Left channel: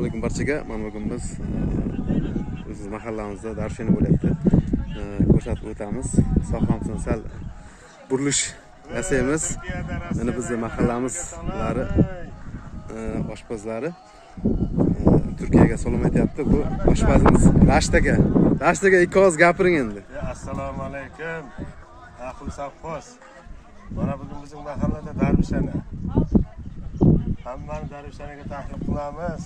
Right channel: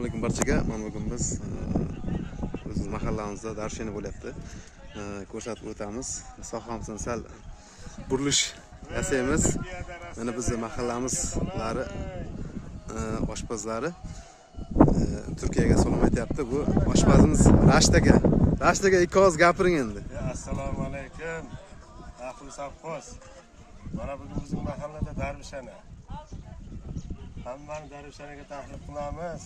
Assalomu alaykum barchaga. Mana bugun biz o'z mahallamizda darshini bo'lyapti. Ko'rsatib o'tamiz. Sohamizdan sal burilish yasaymiz. Mana bizning mahallamizlari oshpazlari Turkiyaga salom aytyapti. Bu oshpazimiz Rashid aka. Rashid aka ikki oz gapiring endi. Assalomu alaykum. Ahli safxoz. Mana bugun bizning mahallada darvishana. Hammani darvishanaga taklif qilamiz.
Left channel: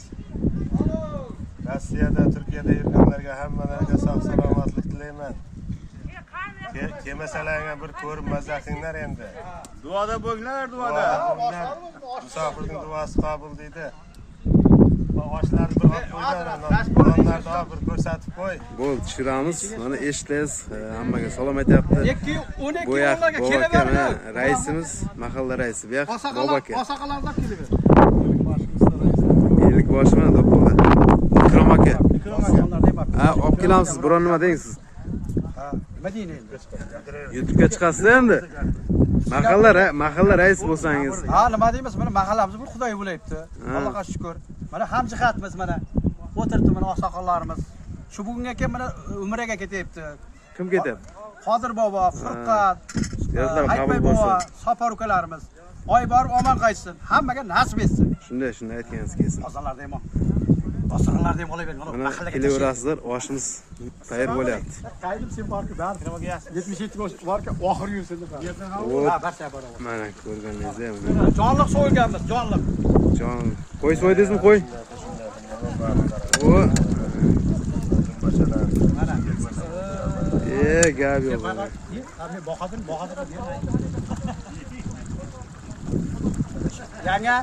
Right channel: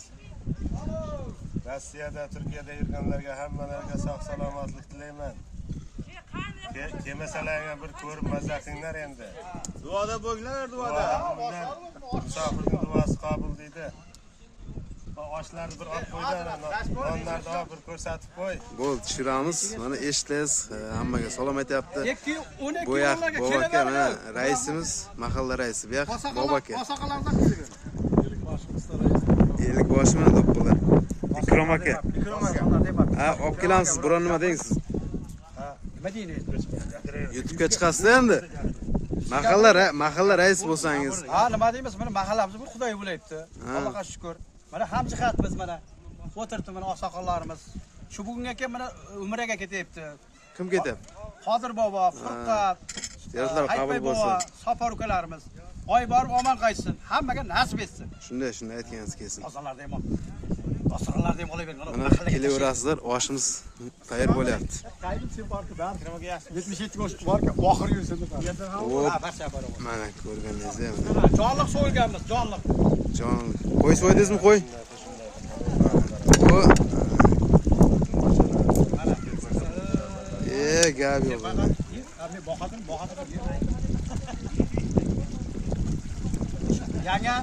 Rossiyada, Turkiyada yurganlarga hammalariga sog' salomatlik tilayman. Kelmasalarga bir ko'rib mazza qilinglar endi. Duoda bo'linglar, duoda. Musofirning duosi qabul deydi. Oshlarni bir olib qo'ydan, nonlarni bir ko'rsatib qo'y. Bo'l, tushiramiz. Mana eshitdingiz, hammaga salom aytyapti. 2-12 Bu yoq yillarga bobaka, raisimiz, mahalla raisi. Bu yoq bobaka. Boshaqalardan keldi. Ellik boshimi deb qo'ylar. Ikrom aka. Ha, olib kelamsiz, biron nima deng siz. Nima deydi? YouTube'ga chiqasiz endi. Mahalla rais bo'lsangiz. Ha, nima deymiz? Mana mahallamiz bir Xudoy bo'layapti. Allohga shukr. Mana hamjihatmiz mana. O'tiribdi mana oqsoqollarimiz. Shu bugunga kelib mana umraga ketyapti. Kim ketyapti? Qodir bobo, Furqat, Yozlar qabul bo'lsin. Safar ukalarimiz. Oy borib omon qaytsin. Hammaga nasib etsin. Shunday aytganingiz kelsin. Ozalarda ham. Oqsoqollarda ham olayver. Mana Mana kelaverasizlar, oshimiz tayyor bo'lyapti. Qaydim sen borku, bari nimaga yaxshi. 77 yosh borku, oxir yursin deb. Hop. Mana ko'rganingizdek. Jonliq so'yilganmiz, jonliq. Jon, qo'y so'ydingizmi, qo'y? O. Gap yo'q. Boqadir. Yanga.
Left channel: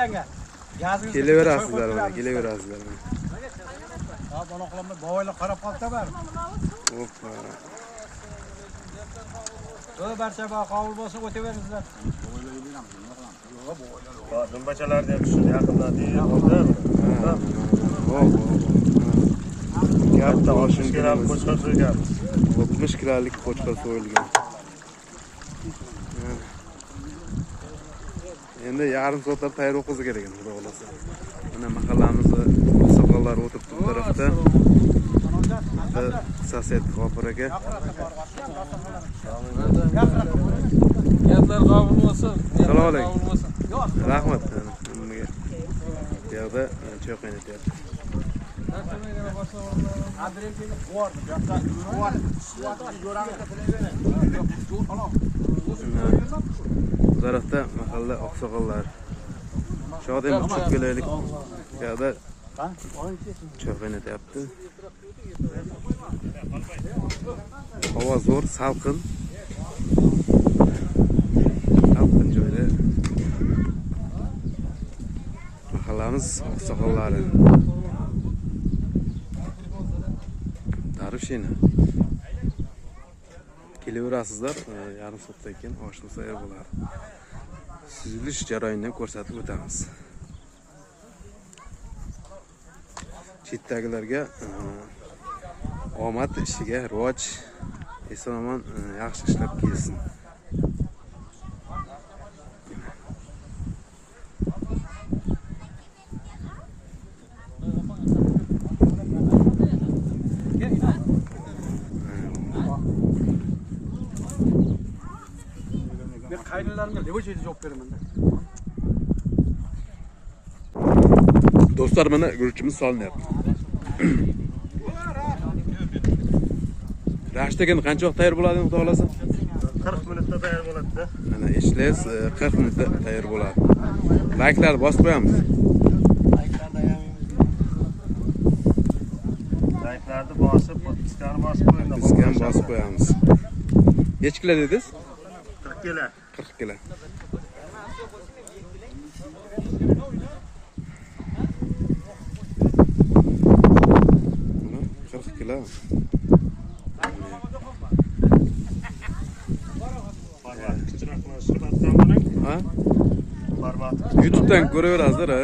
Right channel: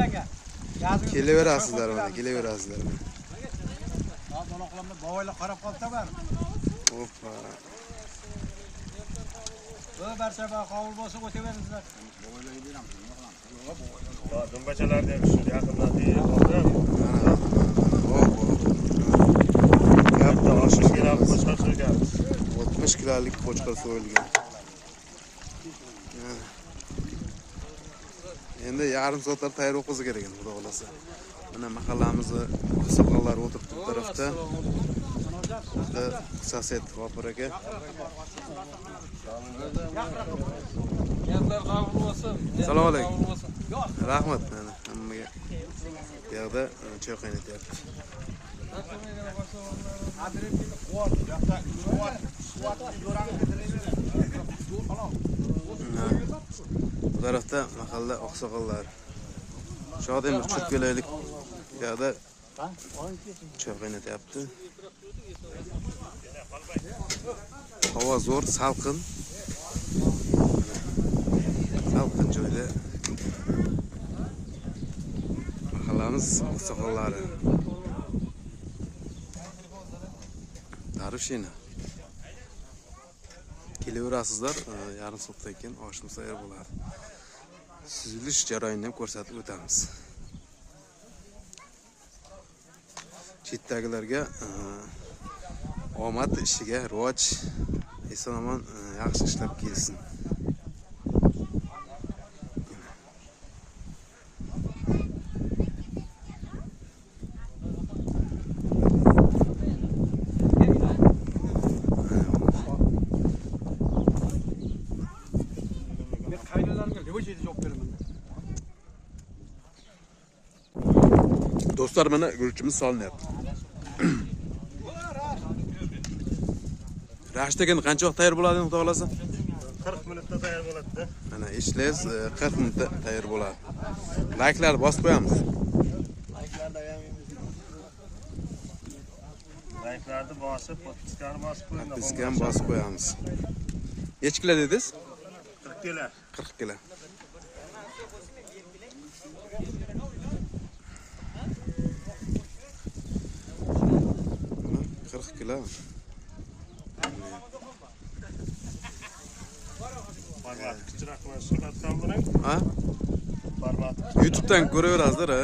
Yanga. Kelaverasizlar mana, kelaverasizlar. Ha, bonoqlarni boylar qarab qolsa bari. Hoppa. Barcha qabul bo'lsa o'taveringizlar. Dumbachalarni ham shu yaqindan oldi. Gapda oshishga ham qo'shqa so'yganmiz. 60 kilolik qo'chqor so'yilgan. Endi yarim soatlar tayyor o'qizi kerak endi, xudo xolasa. Mana mahallamizda soqollar o'tiribdi bu tarafda. Bitta sosed G'ofur aka. Gaplar qabul bo'lsin. Assalomu alaykum. Rahmat hammaga. Bu yerda choy qaynatyapti. Bu tarafda mahalla oqsoqollar. Shodiymiz chiqib kelaylik. Bu yerda choy qaynatyapti. Havo zo'r, salqin. Salqin joyda. Mahallamiz oqsoqollari. Darvishina. Kelaverasizlar, yarim soatdan keyin oshimiz tayyor bo'ladi. Suzilish jarayonini ko'rsatib o'tamiz. Chetdagilarga omad ishiga rivoj, eson-omon yaxshi ishlab kelsin. Qaynilarimga levochida javob beraman. Do'stlar, mana guruchimiz solinyapti. Rashid aka qancha vaqt tayyor bo'ladi, xudo xolasa? 40 minutda tayyor bo'ladi-da. Mana eshitlaysiz, 40 minutda tayyor bo'ladi. Layklarni bosib qo'yamiz. Layklarni bosib, podpiskani bosib qo'ying. Podpiskani bosib qo'yamiz. Necha kilo dedingiz? 40 kilo. 40 kilo. Mana 40 kilo. Ha? YouTube'dan ko'raverasizlar, ha?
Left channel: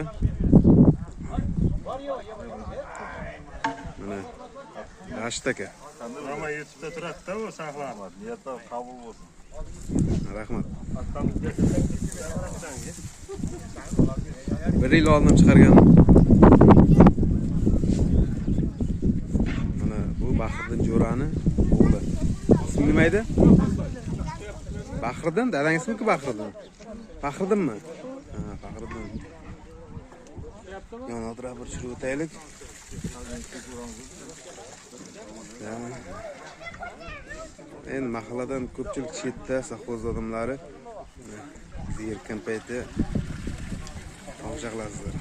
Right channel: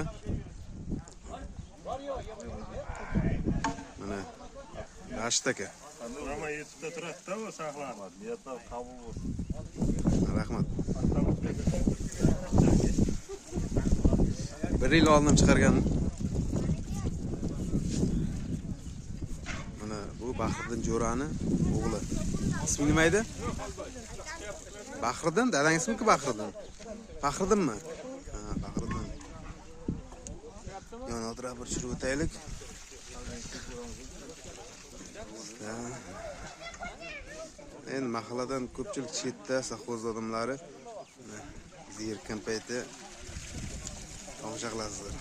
Mana Rashid aka. Ama YouTube'da turadi-da, bu saqlanadi. Niyatdan qabul bo'lsin. Rahmat. Bir yil oldin chiqargan Mansurani o'g'li. Ismi nima edi? Bahriddin, dadang ismi-ku Bahriddin. Bahriddinmi? Ha, Bahriddin. Yana o'tirib bir chirib o'taylik. Endi mahalladan ko'pchilik chetda sahvoz odamlari erkin payti tomosha qilasizlar.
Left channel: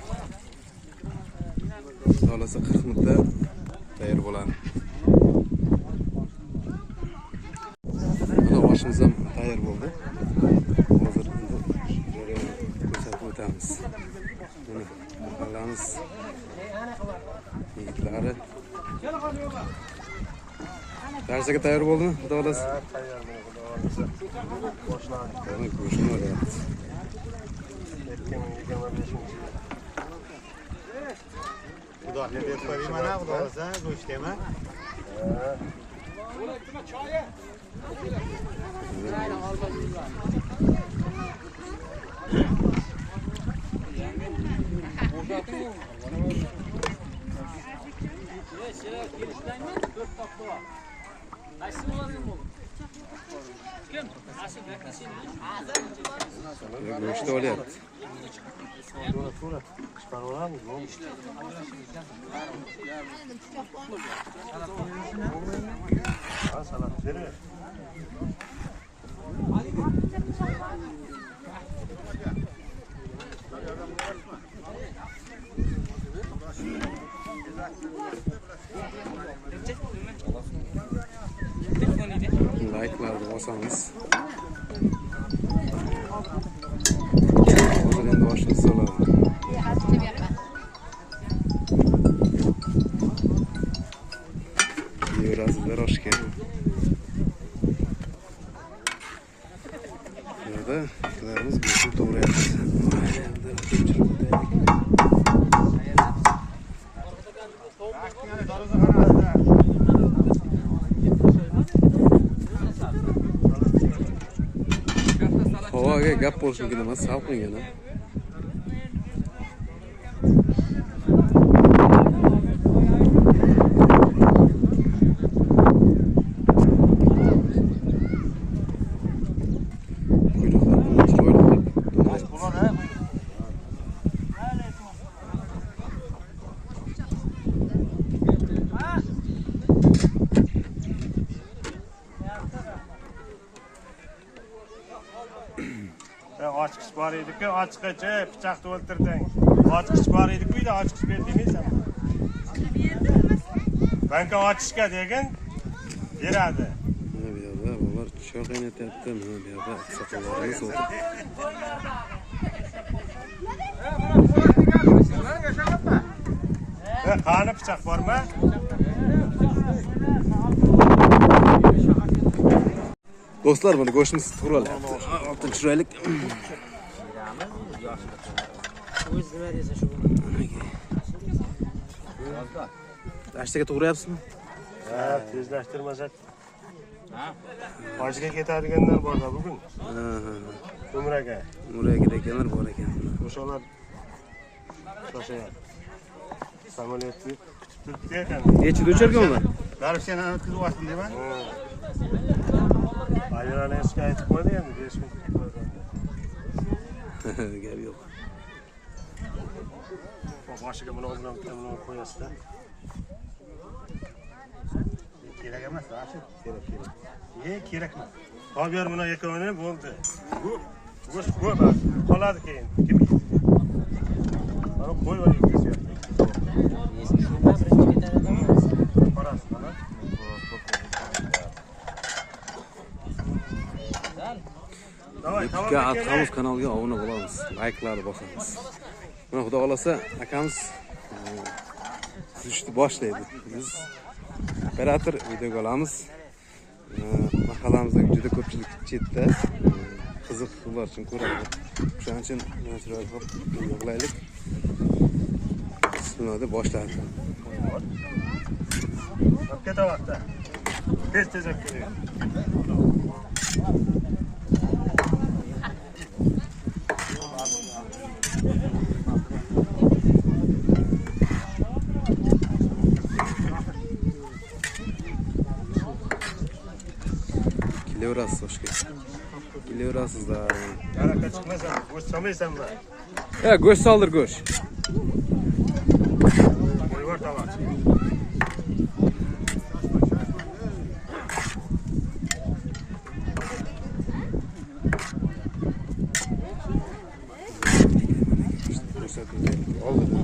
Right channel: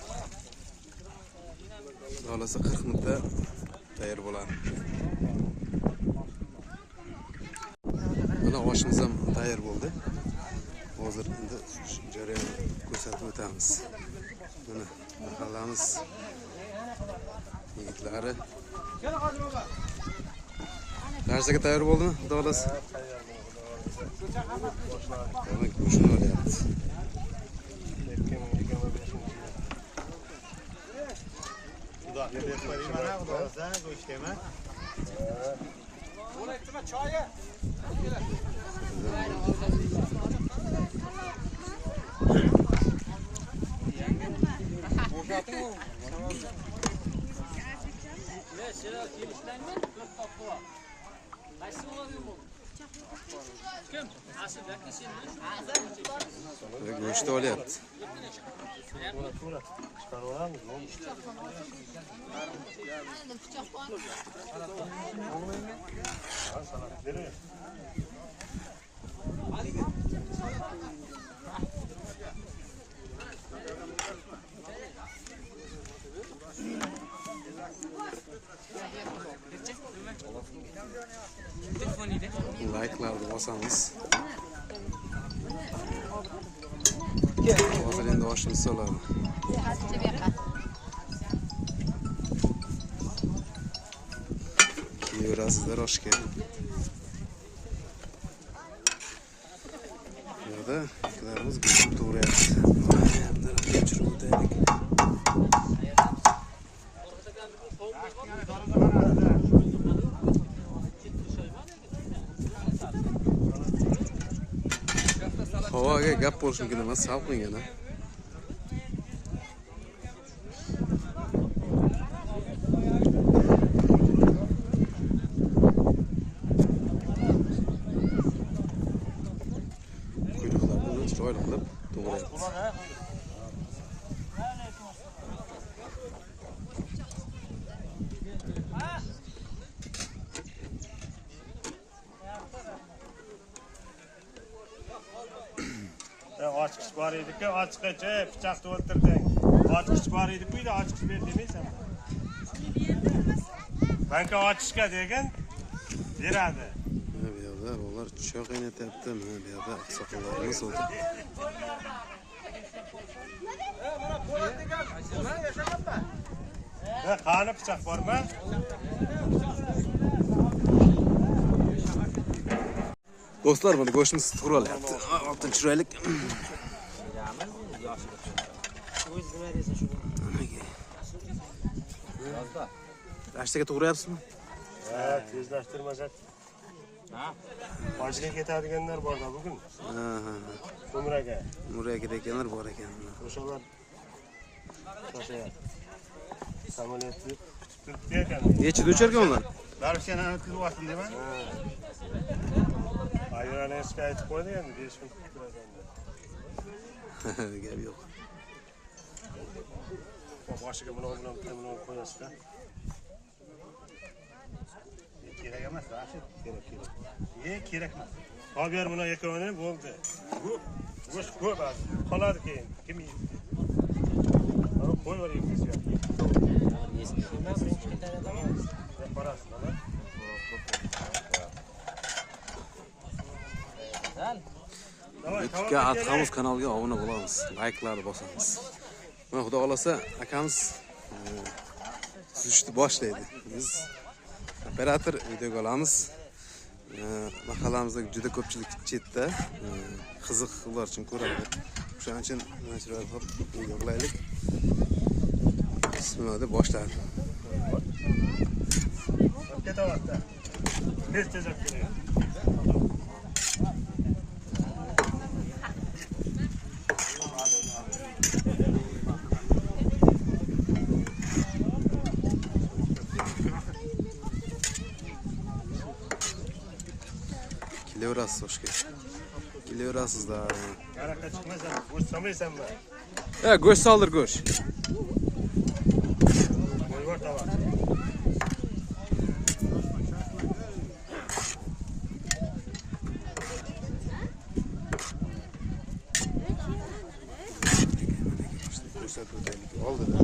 Xolasa 40 minutda tayyor bo'ladi. Mana oshimiz ham tayyor bo'ldi. Hozir endi jarayon ko'rsatib o'tamiz. Mana mahallamiz yigitlari darsaga tayyor bo'ldimi? Xudo xolasa. Tayyor bo'ldi. Boshladik. Mana go'shtni olyapti. Xudo berib mana xudo xolasa go'shtga Go'sht olyapti. To'g'ri. Chiqarib olamiz. Salat berib. Like'larni bosamiz. Hozir endi oshni solamiz. Yurasizlar oshga. Yo'da ikkilarimiz go'sht to'g'rayapti. Havoga gap bo'lishi mumkin emas, salqingina. Ochqich bor edi-ku, ochqich, pichoqni o'ltirding. Ochqich bor edi-ku, ochqich ber demaysan. Banka ochishga degin, beradi. Bu yerda bolalar choy qaynatyapti. Mana bu yerda oqsoqollarimiz o'tiribdi. Qani pichoq bormi? Do'stlar, mana go'shtimiz to'g'ralyapti. Oltin chiroylik. Lashtaga to'g'rayapsizmi? Ha, tezlashtirmasa. Hojga ketadiganlar bor-da bugun. Umraga. Umraga ketganlar bor ekan. O'shalar shoshayapti. Samolyotni kutib turibdi ekan. Nechida ucharkan ular? Darishani o'tkazib oldim deyman. Ayollarga aytib qo'ydi endi 5 kun kutib qo'yganda. Gap yo'q. Boshiga buni bilan qo'yasiz-da. Kerak emas, Rashid. Kerak. Kerak emas. Olib ber buni ekoni bo'ldi. Bu go'sht ko'p qoladi keyin. Mana qo'y olaylik desyapti. YouTube'ga Atqamiz kanaliga obuna bo'lamiz. Like'larni bosamiz. Mana xudo xolasa akamiz suzishni boshlaydi. Biz operator videoga olamiz. Mahallamizda juda ko'pchilik chetda qiziq ular uchun ko'radi. Shuning uchun men chiroyli qilib yig'laylik. Bismillah deb boshladi. Ketavatda. Tez keling. Kelaverasiz oshga. Kelaverasizda. Araqa chiqmasan, go'sht solmaysanmi? Go'sht soldir, go'sht. Qo'yvor tovoq. Ko'rsatuvda oldida.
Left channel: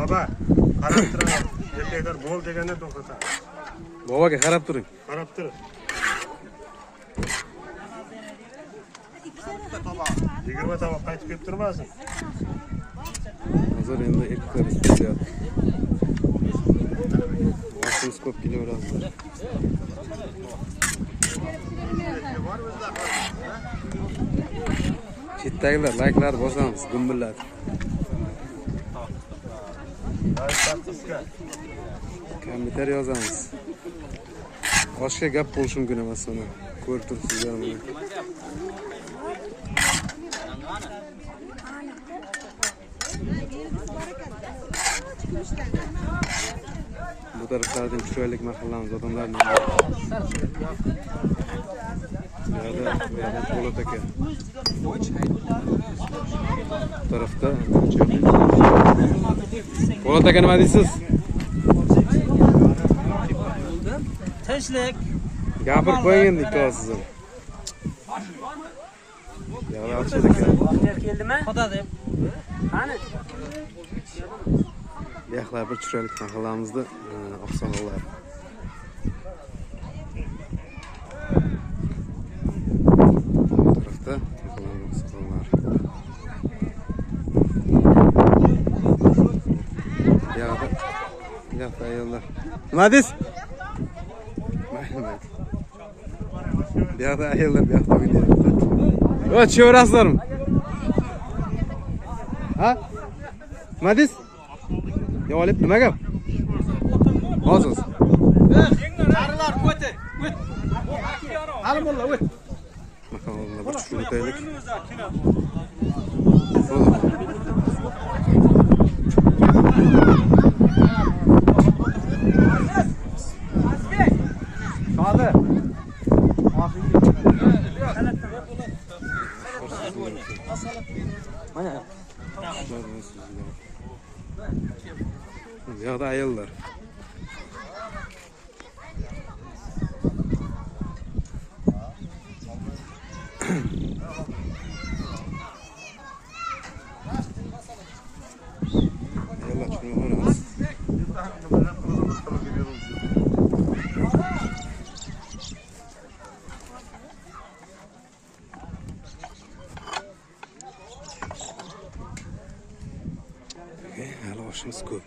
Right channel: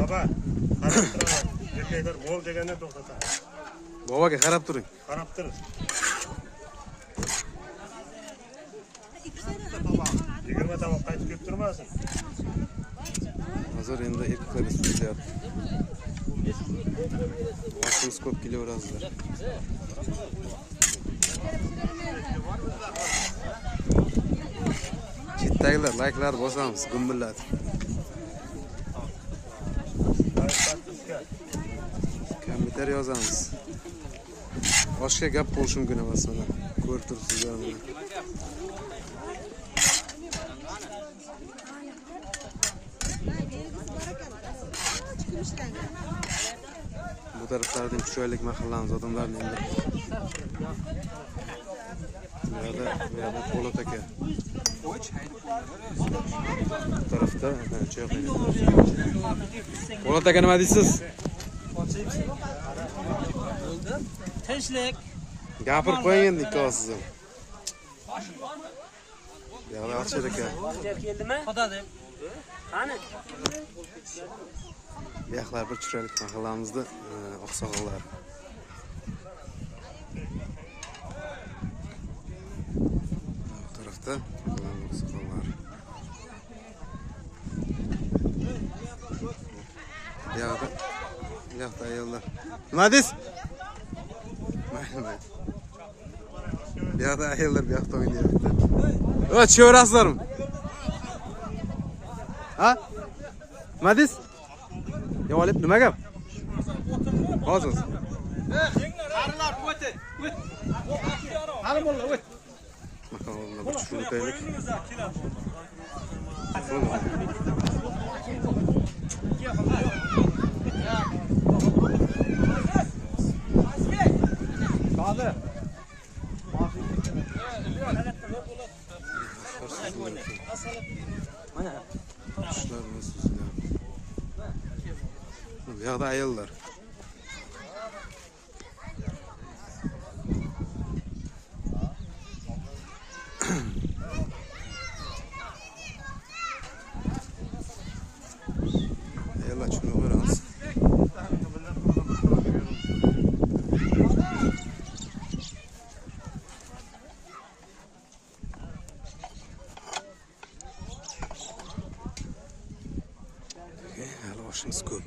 Baba, qarab turaman. Yerga bo'l deganda to'xtatadi. Boboga qarab turing. Qarab tur. 20 tovoq qaytib kelib turmasin. Hozir endi eklar ishlatyapti. Vaqtimiz ko'p kelaveradi. Chetdagilar layklar bosamiz, gumbillatib. Kompyuter yozamiz. Oshga gap bo'lishi mumkin emas uni. Ko'rib turibsizlar mana. Bu taraflardan chiroylik mahallamiz odamlarning. Bu yerda Po'lat aka. Bu tarafda Po'lat aka nima deysiz? Tinchlik. Gapirib qo'ying endi ikkovsiz ham. Yog'li ochar aka. Vaqtlar keldimi? Xudo deb. Qani? Bu yoqlar bir chiroylik mahallamizda oqsoqollar. Bu tarafda oqsoqollar. Bu yoqda ayollar. Nima deysiz? Mayli. Bu yoqda ayollar bu yoqda o'ynayapti. O, tushaverasizlarmi? Ha? Nima deysiz? Ya olib nima gap? Hozir. Qarilar o't. Hali mulla o't. Mahallamda bir churun o'taylik. Hadi. Mana. Bu yoqda ayollar. Ayollar chunga qaramiz. Hali oshimiz ko'p.